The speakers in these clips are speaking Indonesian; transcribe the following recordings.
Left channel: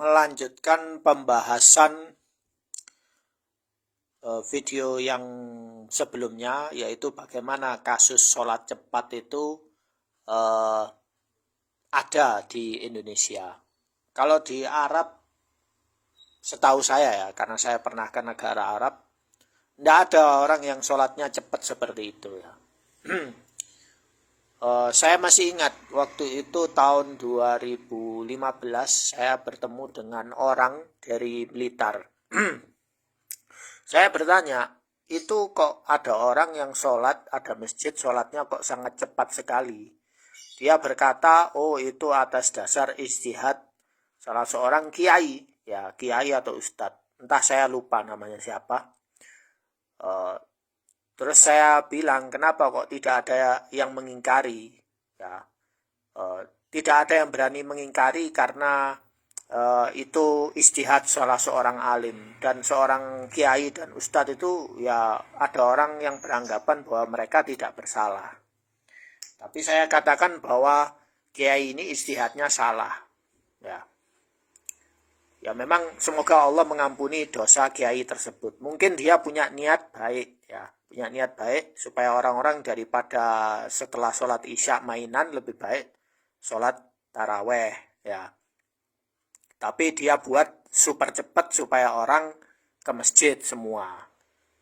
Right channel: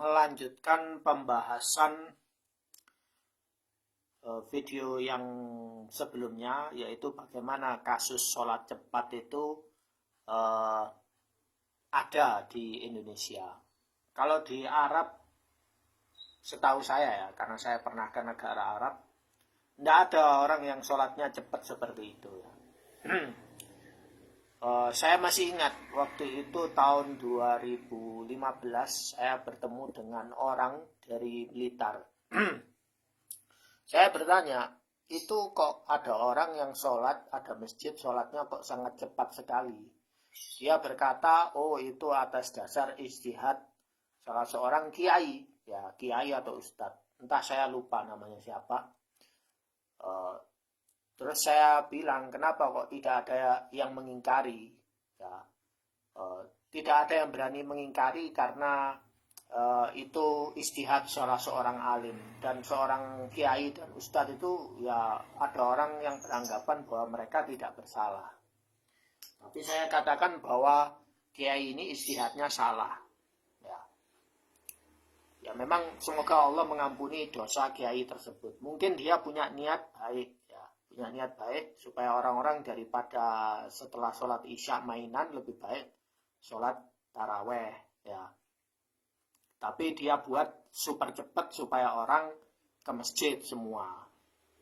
melanjutkan pembahasan video yang sebelumnya, yaitu bagaimana kasus sholat cepat itu ada di Indonesia. Kalau di Arab, setahu saya ya, karena saya pernah ke negara Arab, tidak ada orang yang sholatnya cepat seperti itu ya. Saya masih ingat waktu itu tahun 2015 saya bertemu dengan orang dari Blitar. Saya bertanya, itu kok ada orang yang sholat, ada masjid sholatnya kok sangat cepat sekali. Dia berkata, oh itu atas dasar ijtihad salah seorang kiai, ya kiai atau ustadz, entah saya lupa namanya siapa. Terus saya bilang, kenapa kok tidak ada yang mengingkari? Ya, tidak ada yang berani mengingkari karena itu ijtihad salah seorang alim, dan seorang kiai dan ustadz itu ya ada orang yang beranggapan bahwa mereka tidak bersalah. Tapi saya katakan bahwa kiai ini ijtihadnya salah. Ya memang semoga Allah mengampuni dosa kiai tersebut. Mungkin dia punya niat baik ya, punya niat baik supaya orang-orang daripada setelah sholat isya mainan lebih baik sholat taraweh ya. Tapi dia buat super cepat supaya orang ke masjid semua.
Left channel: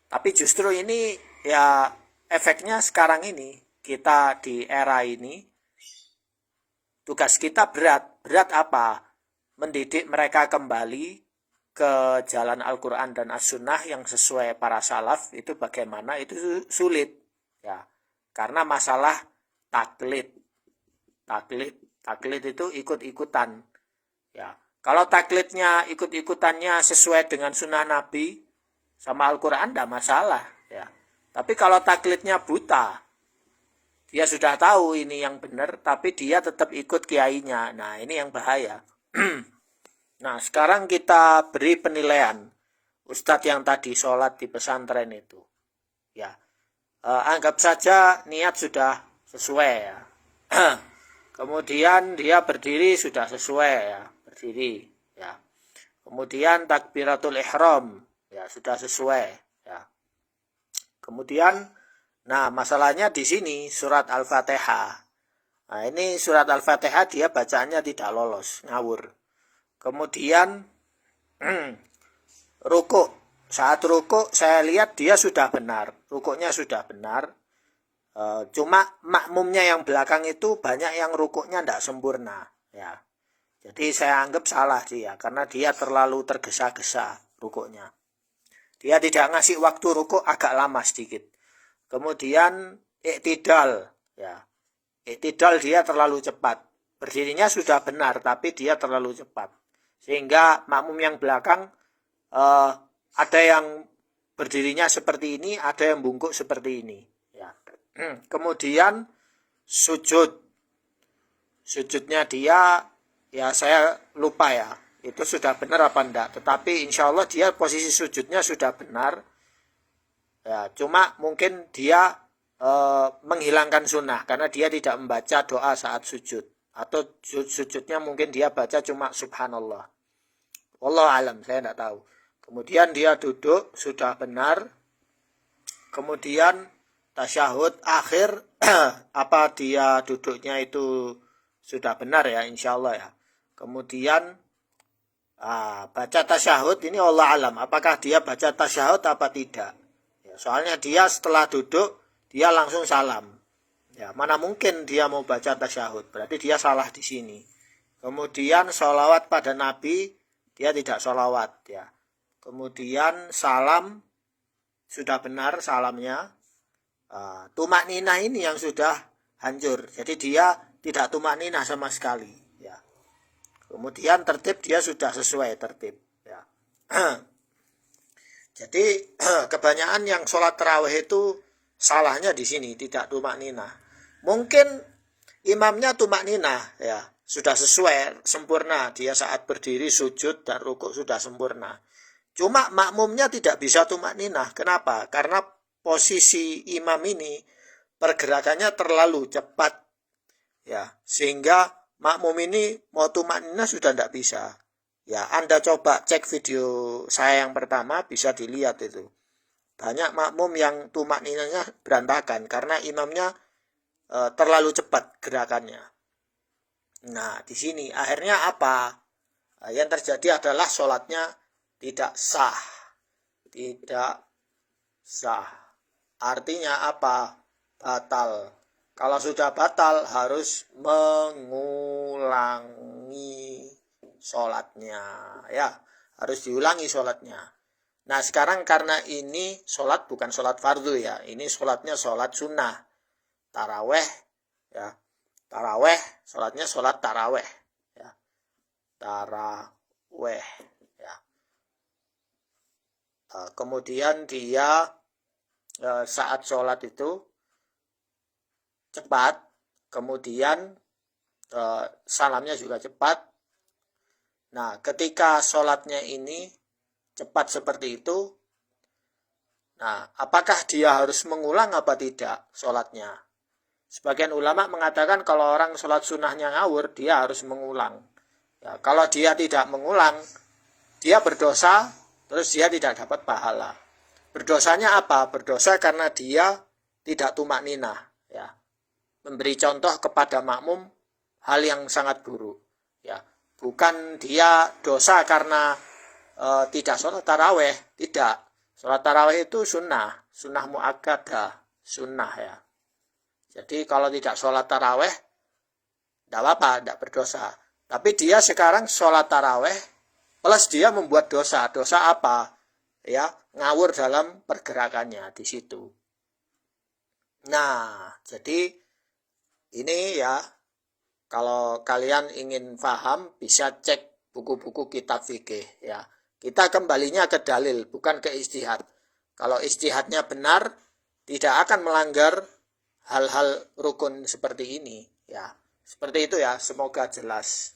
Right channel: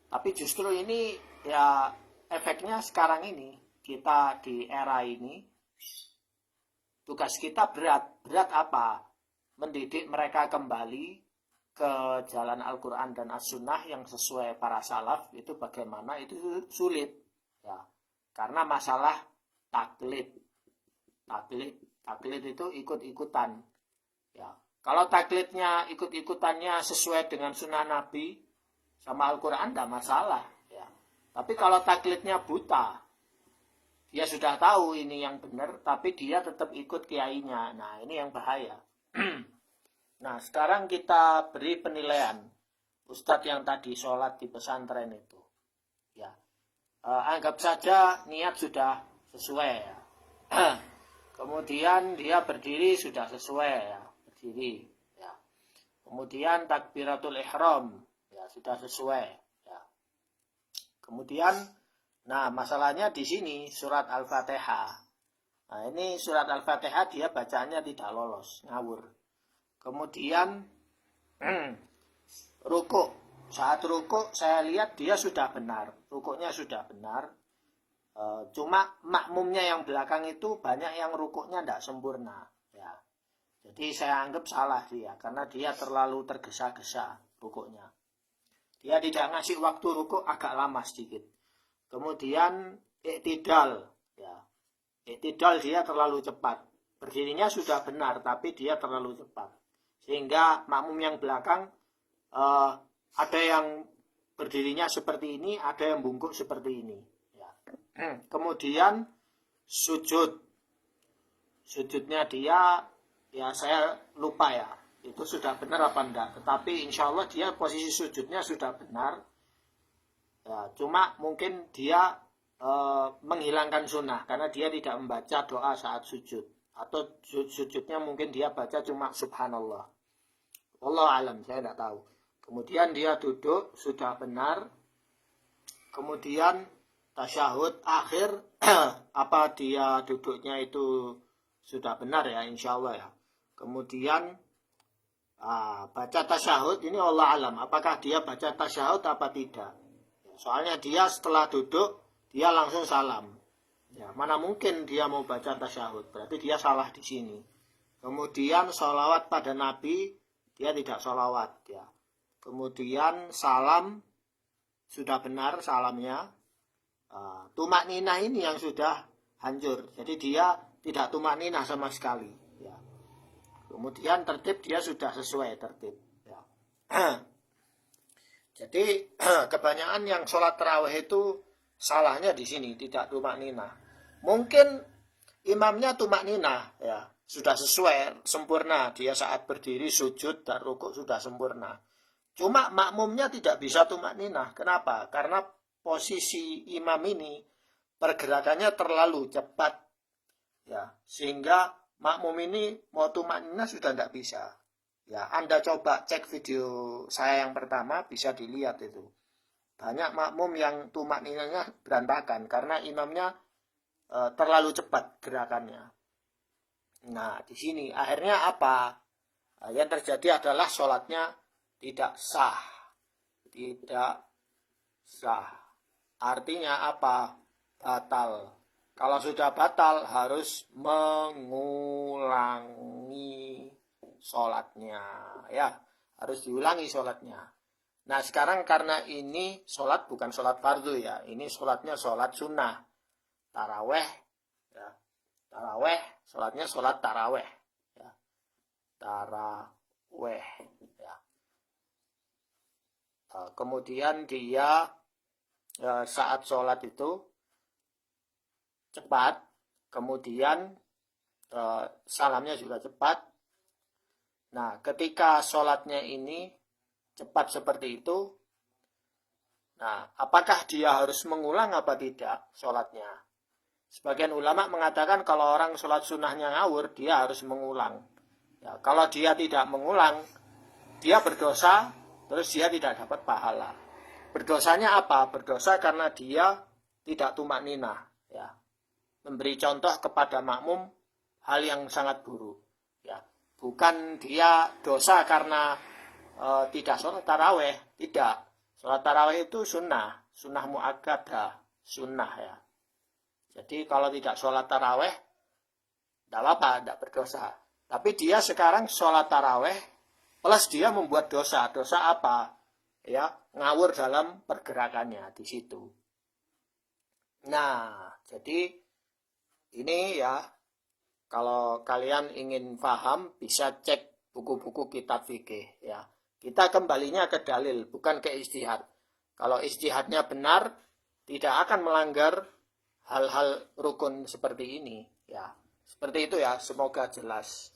Tapi justru ini ya efeknya sekarang ini, kita di era ini, tugas kita berat. Berat apa? Mendidik mereka kembali ke jalan Al-Quran dan As-Sunnah yang sesuai para salaf. Itu bagaimana? Itu sulit ya. Karena masalah taklid. Taklid itu ikut-ikutan ya. Kalau taklidnya ikut-ikutannya sesuai dengan sunnah Nabi sama Al-Quran, tidak masalah ya. Tapi kalau taklidnya buta, dia sudah tahu ini yang benar, tapi dia tetap ikut kiainya. Nah ini yang bahaya. Nah sekarang kita beri penilaian ustadz yang tadi sholat di pesantren itu ya. Anggap saja niat sudah sesuai ya. Kemudian dia berdiri sudah sesuai ya, berdiri ya. Kemudian takbiratul ihram ya sudah sesuai ya. Kemudian nah masalahnya di sini surat Al-Fatihah. Nah ini surat Al-Fatihah dia bacaannya tidak lolos, ngawur. Kemudian rukuk. Saat rukuk saya lihat dia sudah benar, rukuknya sudah benar. Cuma makmumnya yang belakang itu banyak yang rukuknya tidak sempurna ya. Jadi saya anggap salah dia karena dia terlalu tergesa-gesa rukuknya. Dia tidak ngasih waktu rukuk agak lama sedikit. Kemudian iktidal ya. Iktidal dia terlalu cepat. Berdirinya sudah benar tapi dia terlalu cepat. Sehingga makmum yang belakang ada yang berdirinya seperti ini, ada yang bungkuk seperti ini ya. Kemudian sujudnya dia ya saya lupa ya itu sudah benar apa enggak, tetapi insya Allah dia posisi sujudnya sudah benar ya. Cuma mungkin dia menghilangkan sunnah karena dia tidak membaca doa saat sujud, atau sujudnya mungkin dia baca cuma subhanallah, wallahu alam, saya tidak tahu. Kemudian dia duduk sudah benar, kemudian tasyahud akhir apa dia duduknya itu sudah benar ya insya Allah ya. Kemudian baca tasyahud ini Allah alam apakah dia baca tasyahud apa tidak ya, soalnya dia setelah duduk dia langsung salam ya, mana mungkin dia mau baca tasyahud, berarti dia salah di sini. Kemudian sholawat pada Nabi dia tidak sholawat ya. Kemudian salam sudah benar salamnya. Tumak ninah ini yang sudah hancur, jadi dia tidak tumak ninah sama sekali ya. Kemudian tertib dia sudah sesuai tertib ya. Jadi kebanyakan yang sholat tarawih itu salahnya di sini, tidak tumak ninah. Mungkin imamnya tumak ninah ya, sudah sesuai sempurna, dia saat berdiri sujud dan rukuk sudah sempurna. Cuma makmumnya tidak bisa tumak ninah. Kenapa? Karena posisi imam ini pergerakannya terlalu cepat ya, sehingga makmum ini mau tumakninah sudah tidak bisa Ya, Anda coba cek video saya yang pertama, bisa dilihat itu. Banyak makmum yang tumak ninanya berantakan karena imamnya terlalu cepat gerakannya. Nah, di sini akhirnya apa? Yang terjadi adalah sholatnya tidak sah. Tidak sah. Artinya apa? Batal. Kalau sudah batal harus mengulangi sholatnya. Ya, harus diulangi sholatnya. Nah, sekarang karena ini sholat bukan sholat fardu ya. Ini sholatnya sholat sunnah. Taraweh. Ya, taraweh. Sholatnya sholat taraweh. Ya, taraweh. Ya. Kemudian dia saat sholat itu cepat, kemudian salamnya juga cepat. Nah, ketika sholatnya ini cepat seperti itu, nah, apakah dia harus mengulang apa tidak sholatnya? Sebagian ulama mengatakan kalau orang sholat sunnahnya ngawur, dia harus mengulang. Ya, kalau dia tidak mengulang, dia berdosa, terus dia tidak dapat pahala. Berdosanya apa? Berdosa karena dia tidak tumak ninah. Ya, memberi contoh kepada makmum hal yang sangat buruk. Ya, bukan dia dosa karena tidak sholat taraweh, tidak. Sholat taraweh itu sunnah muakkadah, sunnah ya. Jadi kalau tidak sholat taraweh, tidak apa-apa, tidak berdosa. Tapi dia sekarang sholat taraweh, plus dia membuat dosa. Dosa apa? Ya, ngawur dalam pergerakannya di situ. Nah, jadi ini ya, kalau kalian ingin paham bisa cek buku-buku kitab fikih ya. Kita kembalinya ke dalil, bukan ke ijtihad. Kalau ijtihadnya benar, tidak akan melanggar hal-hal rukun seperti ini ya. Seperti itu ya, semoga jelas.